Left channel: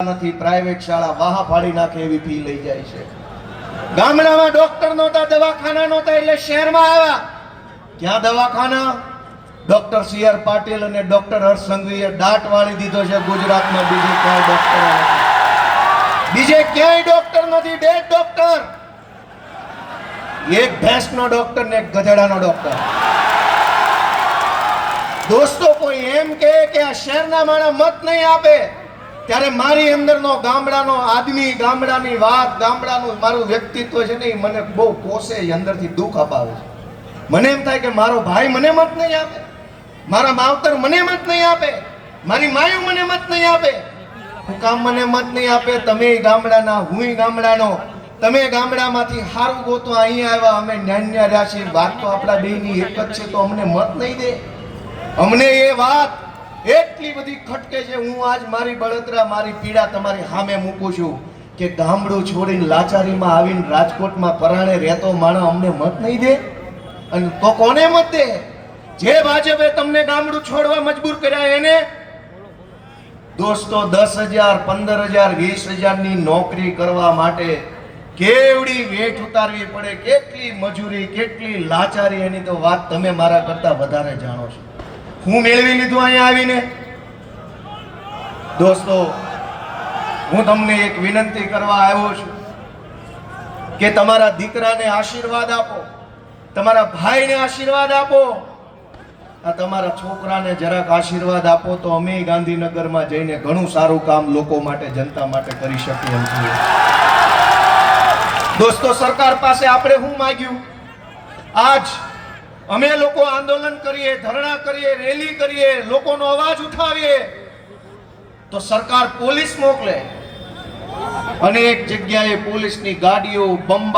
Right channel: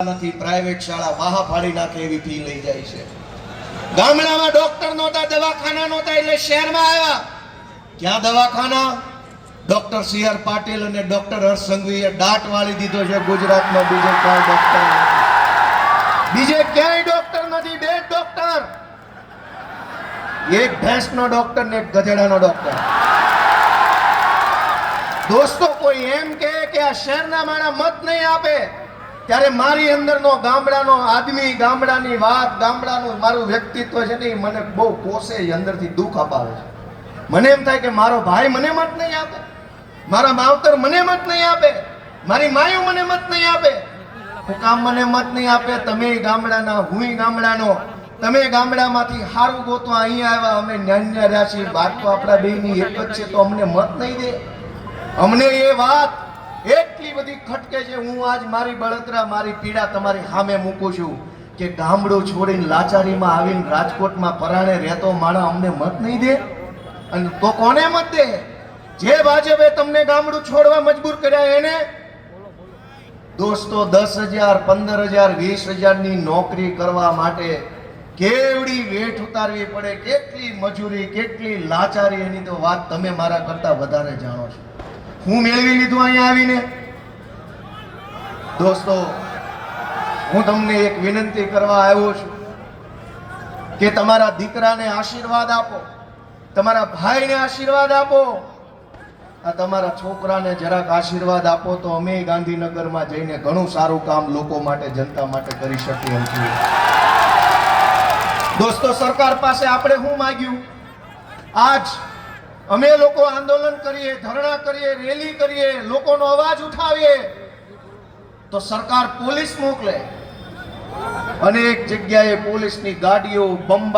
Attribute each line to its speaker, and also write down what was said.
Speaker 1: નથી પ્રાઇવેટ શાળા વાહા ફાડી નાખે એવી ફી લઈ જાય છે. ગામડામાં ડોક્ટર નહોતા, દવાખાના નહોતા એટલે શહેરમાં આવ્યા. ક્યાં દવાખાના? ડોક્ટર સી આર પાટીલ અને ડોક્ટર હર્ષ સંઘવીએ દાટ વાળી દીધો છે ગુજરાતમાં. બીજે કોઈ ડોક્ટર બીજે ક્યાંય ડોક્ટર નથી, બે ડોક્ટર એક ભેંસનો ડોક્ટર ને એક ગધેડાનો ડોક્ટર દોસ્તો, કોઈ એમ કે આ શહેરના માણસ મત નહીં આપે. ત્યારે મારી અંદરનો ગામડાનો આદમી ગામડાની વાત, ગામડાનું મારું વ્યક્તિત્વ છે ને એ મને બહુ કોસે અંદરથી દુઃખ અપાવે છે. મને એમ થાય કે મારો ભાઈ મને મત નહીં આપે. મારા માવતર મને મત નહીં આપે. મારી માયું મને મત નહીં આપે. હું કામ મને મત નહીં આપે. તમે ગામડાના, હું ગામડાનો. તમે ગામડામાંથી સારું ગોતવા અહીંયા આવ્યા, અમે ન્યાન્યા રાશિ વાત તો આપણા બેની એક જ છે, તો અમને મત નહીં દે. અમને એ વાત એટલી બધી ખટકે છે, હું આજ મારી બળતરા, મારી પીડા તમારી સામે મૂકું છું કે ગામડું છોડીને લાચારીમાં આવીને રાજકોટમાં પરાણે રહેતો માણસ અમને મત નહીં દે. અને તો કોને મત દે? જે ભાજપે તમને ગામડું છોડવા મજબૂર કર્યા એને? દોસ્તો, દસ હજાર, પંદર હજાર, વીસ હજારની નોકરી કરવા માટે કેવડી વેઠ ઉતારવી પડે, કેટલી મજૂરી, કેટલી લાચારી, એની તો વાત તમે મારા કરતા વધારે જાણો છો. હું મેળવી લીધું અહીંયા આવીને? દોસ્તો, હું તમને એક વિનંતી કરવા આવ્યો છું કે તમારા દીકરાને આશીર્વાદ આપો, તમારા ભાઈને આશીર્વાદ આપો. આ તમારા છોકરાને જરાક આશીર્વાદ આપો તો અમે ગાંધીનગરમાં જઈને ઘણું સારું કામ લોકો માટે, જનતા માટે કરી શકીએ છીએ. દોસ્તો, સરકાર પાસે આપણે શું માગ્યું? આજ અમે લોકો આંદોલન કરીએ, ધરણા કરીએ, રેલી કરીએ, લોકોનો અવાજ ઉઠાવીએ, તો સરકાર પોલીસ મોકલે. અનેક જગ્યાએ પોલીસની ગાડીઓ, બંબા